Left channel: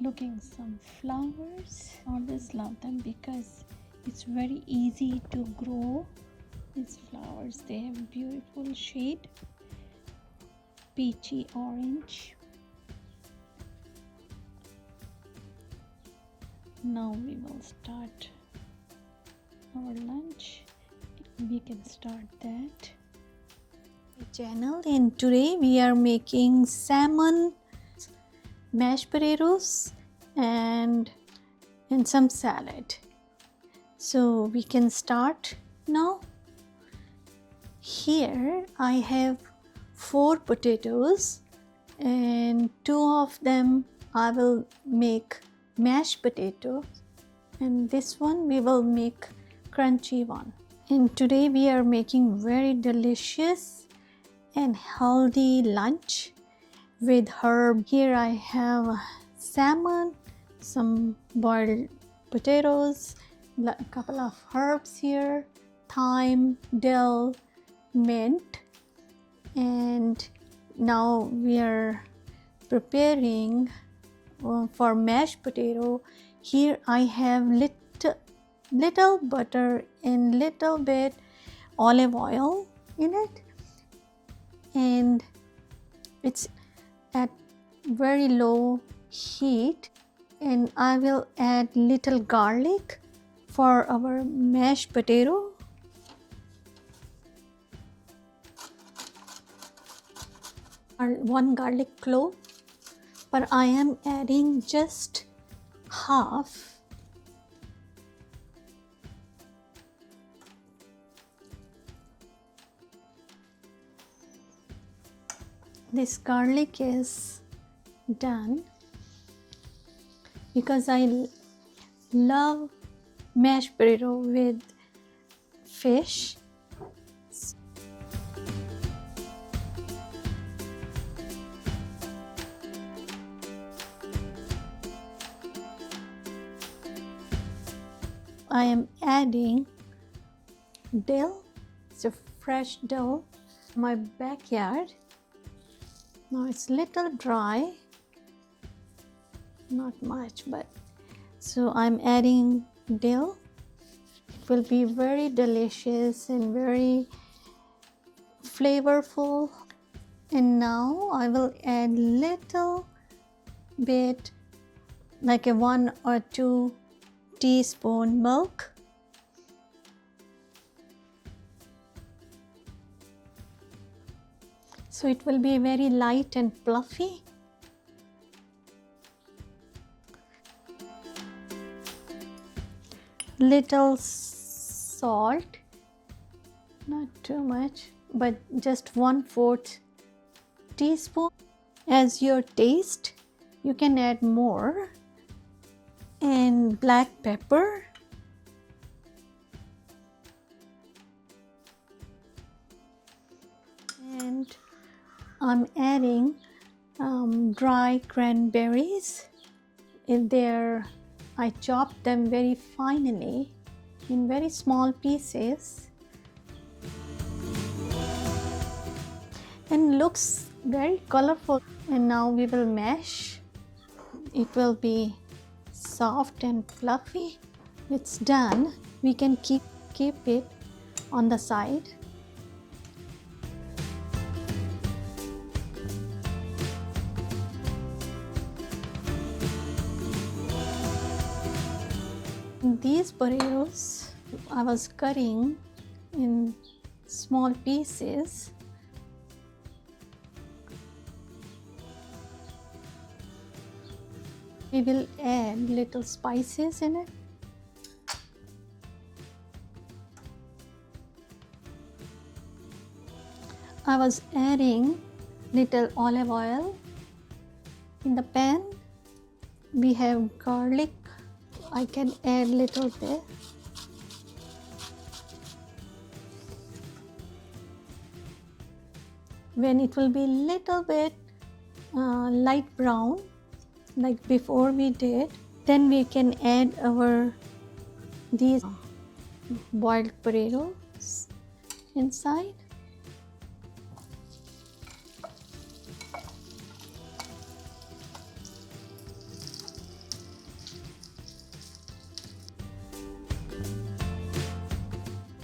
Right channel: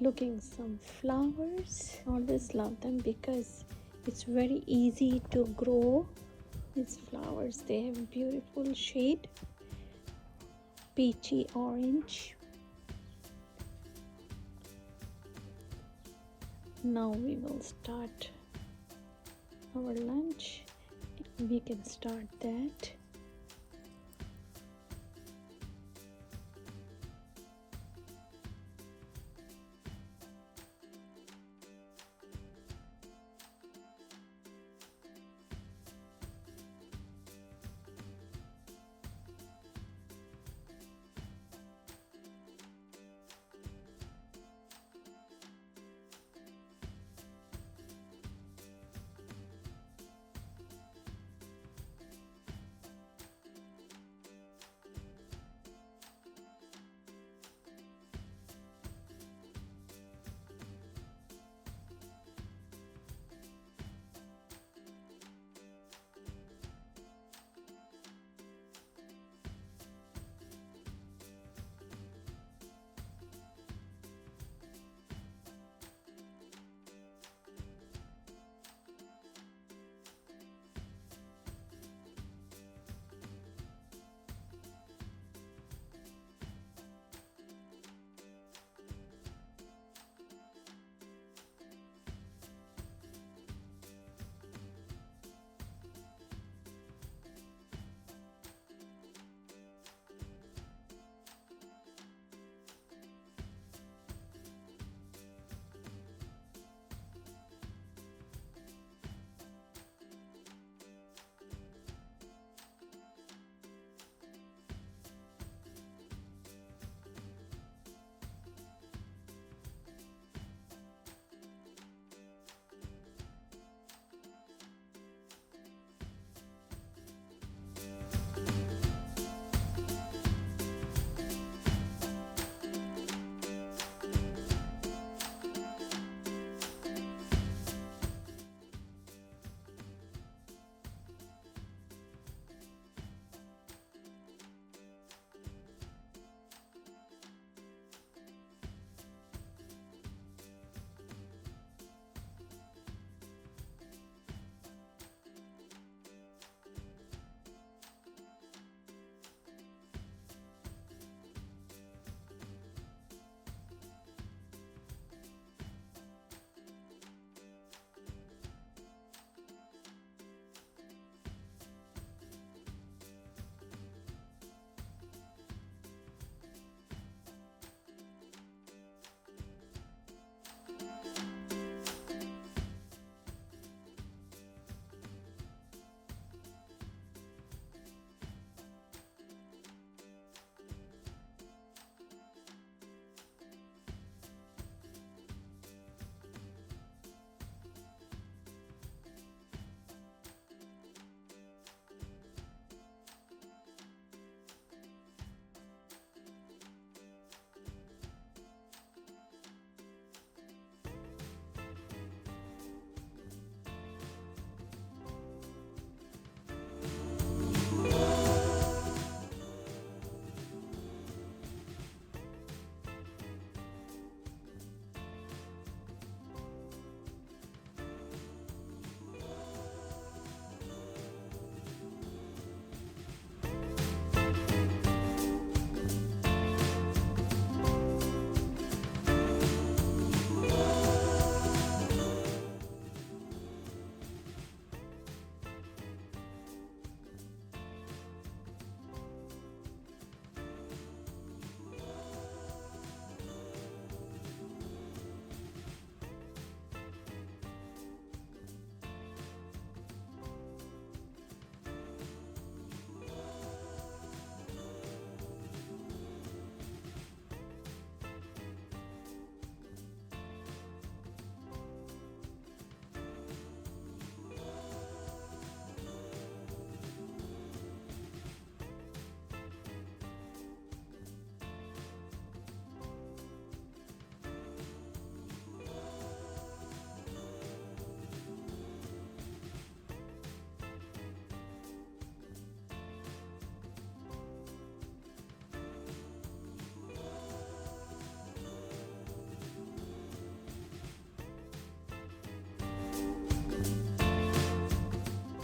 looking some flowers. Always love them because it's very easy to grow these flowers. They have beautiful shade, peachy orange. Now we will start our lunch. We can start that channel, and today we are making salmon, mashed potatoes, and some salad. So we can start now. Here I have 4 potatoes, and 2 of them I will make mashed potatoes, and this one we will make crunchy one. And today we are making very delicious and healthy lunch with herb. Here I have salmon, some boiled potatoes, a couple of herbs here, thyme, dill, mint, and now we are preparing for mashed potato. Here I have little butter and little bit olive oil in it, and it's at very low heat, and I will add little garlic for our mashed potato. One garlic clove, but I am adding just half. This garlic is done because I love mashed potato with fish. I am adding dill. It's a fresh dill from my backyard. Now it's little dry, not much, but so I'm adding dill. It will be very delicious and very flavorful. And now I will add little bit, like a 1 or 2 teaspoon milk. So it will be very light and fluffy. Little salt, not too much, but just 1/4 teaspoon. As your taste, you can add more. And black pepper, and I'm adding dry cranberries. I chopped them very finely in very small pieces, and looks very colorful. And now we will mash. It will be soft and fluffy. It's done. We can keep it on the side. These potatoes I was cutting in small pieces. We will add little spices in it. I was adding little olive oil in the pan. We have garlic. I can add little bit. When it will be little bit light brown, like before we did, then we can add these boiled potatoes inside.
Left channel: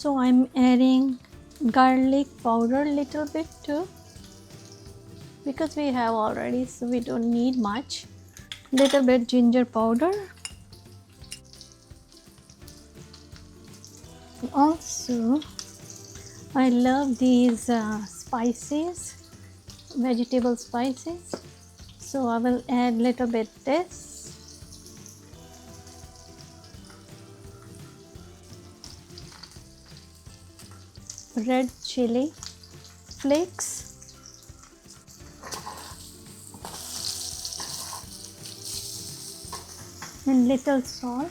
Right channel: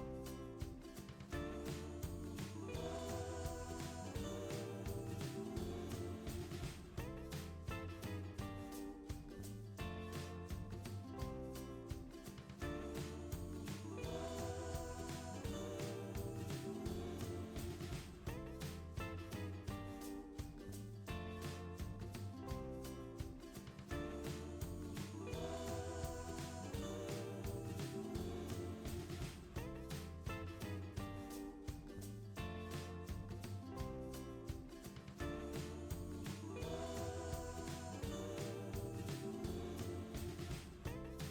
So I'm adding garlic powder little bit too, because we have already, so we don't need much. Little bit ginger powder. Also, I love these spices, vegetable spices. So I will add little bit this. Red chili flakes. And little salt.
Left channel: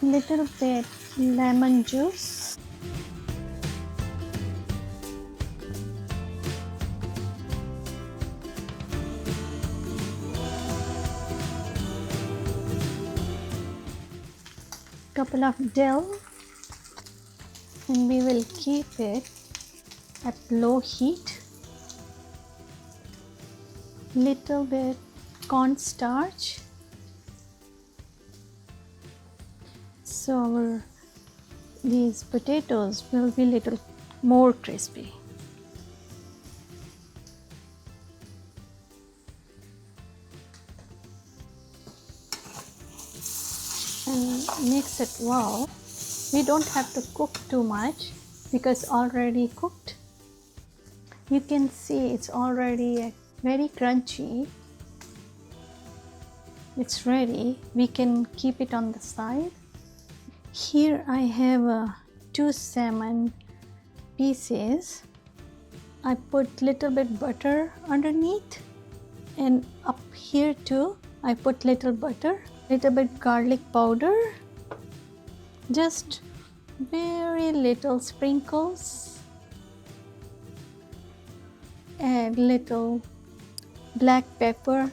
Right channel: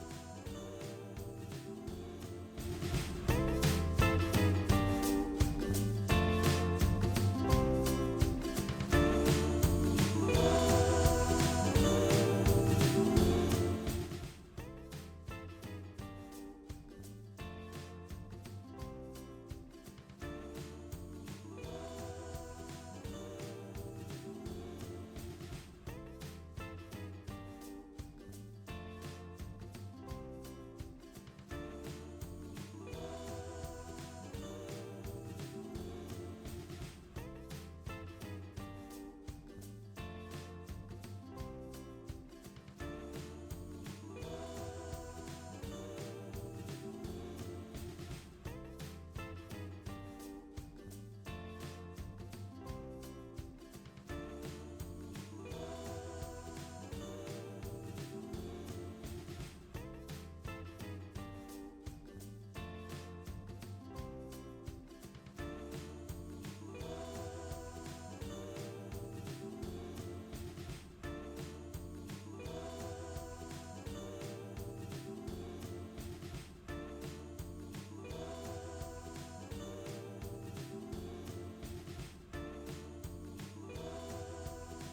Little bit lemon juice. Couple of dill, and we will keep it at low heat. Little bit cornstarch, so these potatoes will be little more crispy. And mix it well. We don't have to cook too much because already cooked. You can see it's already very crunchy. It's ready. We can keep it on the side. Here I have 2 salmon pieces. I put little bit butter underneath, and up here too I put little butter, little bit garlic powder, just very little sprinkles, and little black pepper,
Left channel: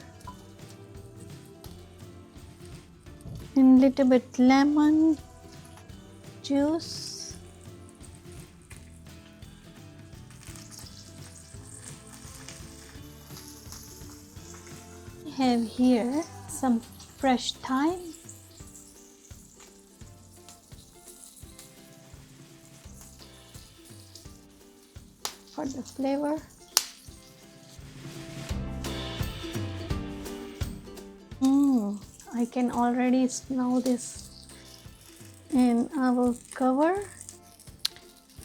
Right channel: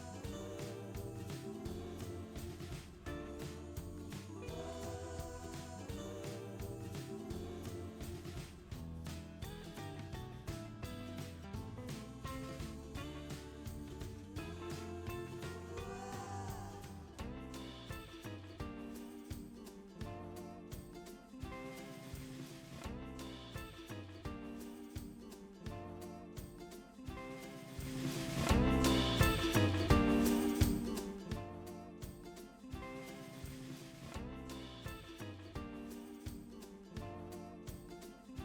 and little bit lemon juice, I have here some fresh thyme, for the flavor. I can already smell this, and I will cover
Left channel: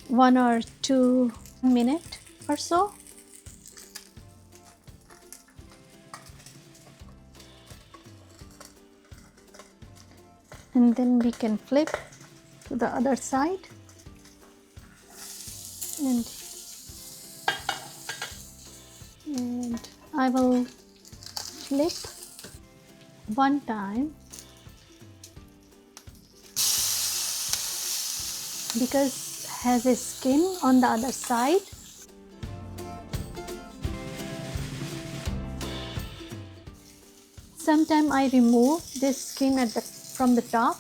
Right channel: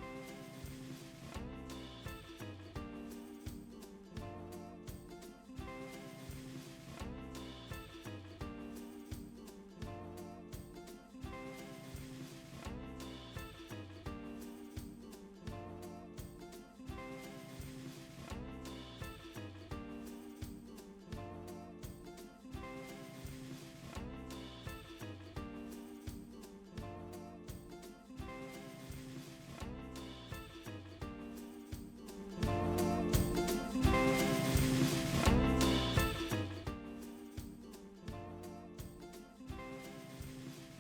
1 or 2 minutes or so. And then we can flip to the other side, and I will flip 1 time because has a skin on the other side. Sometimes I remove this skin from the top,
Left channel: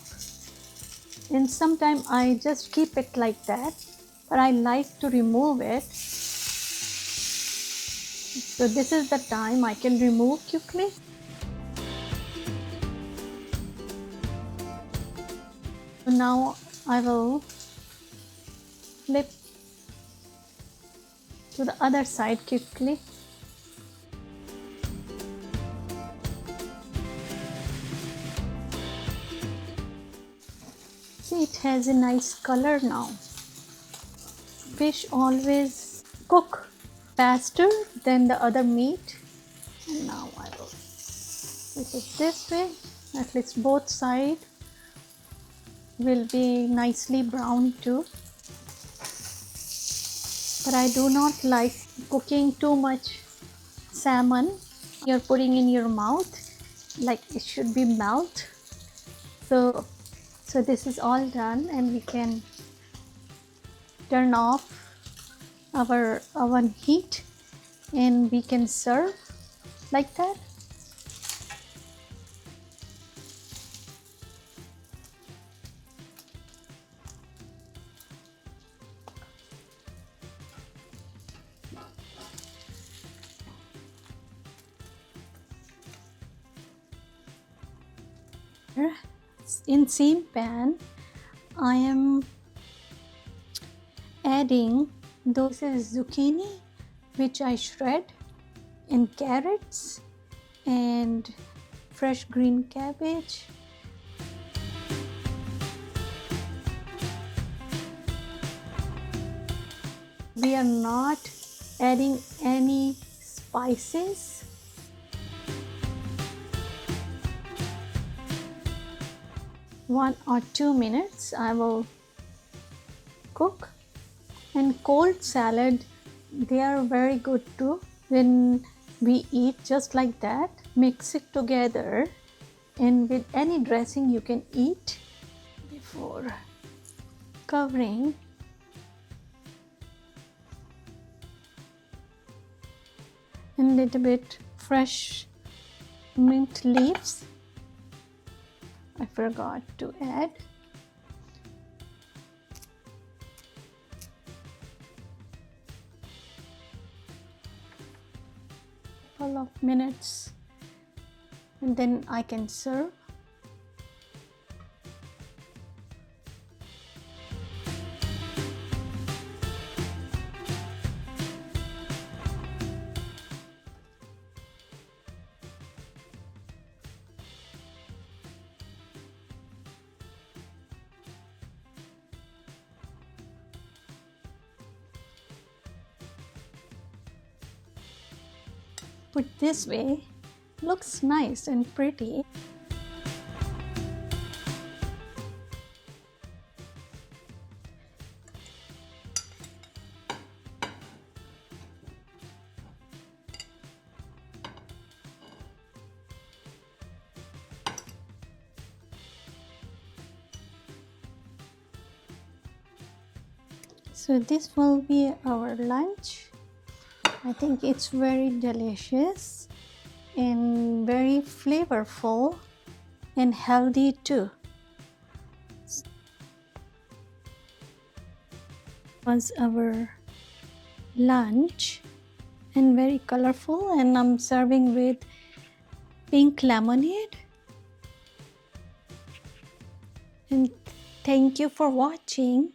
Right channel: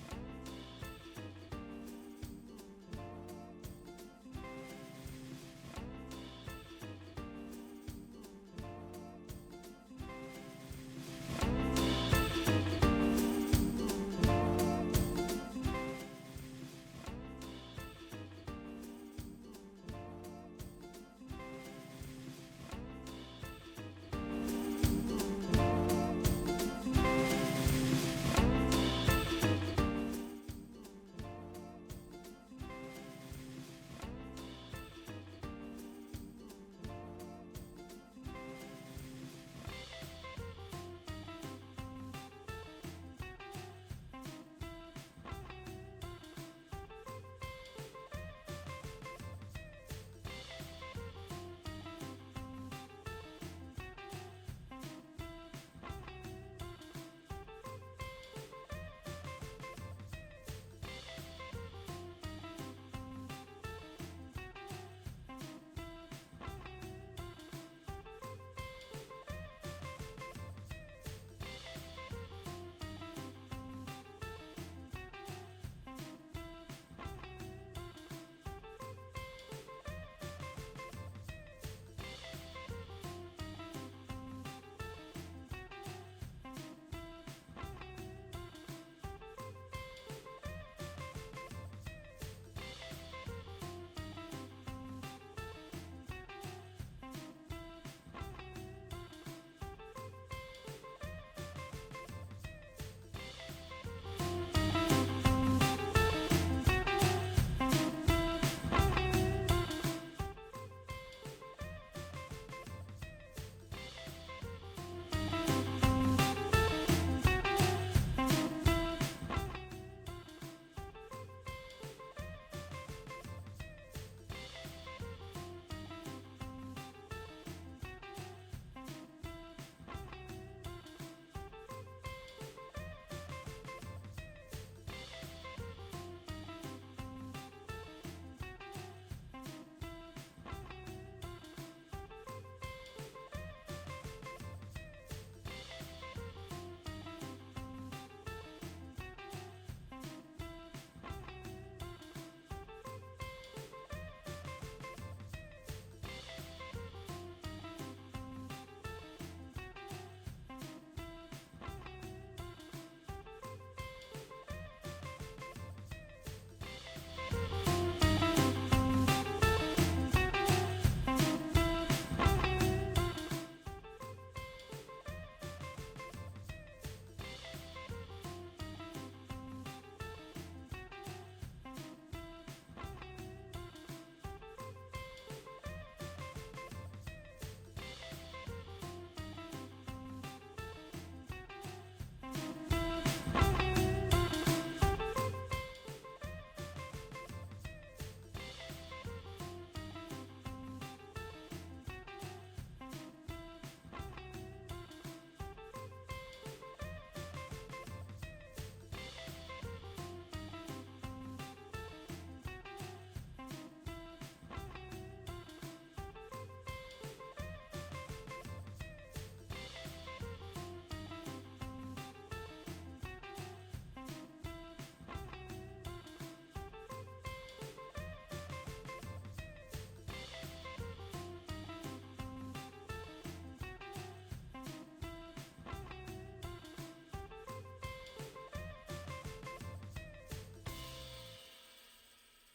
and sometimes I just keep it like that, but I like to remove it. So this is the time I can remove quickly. Now I will flip to the other side quickly. See, it has a nice color now. Fish always cook faster than the other meat. And now I will flip it this way. At least both sides will be nicely brown too. But I do not like cooking too much salmon. You're putting in your mouth, like it should be melt. So this is all done, and we can turn off our oven heat, and we can serve like that. In same pan, I am adding those as zucchini, which I shred, and carrots and fresh green cabbage. We are not adding any spices. One or 2 minutes I will cook. And cold salad, they are very good too. When we eat just like that, mix it together, and with any dressing you can eat. Before covering, and little bit fresh mint leaves I forgot to add. Couple of minutes, and then I can serve. Put this way, looks nice and pretty. So this will be our lunch. I think it's very delicious and very flavorful and healthy too. Was our lunch and very colorful, and I'm serving with pink lemonade. And thank you for watching.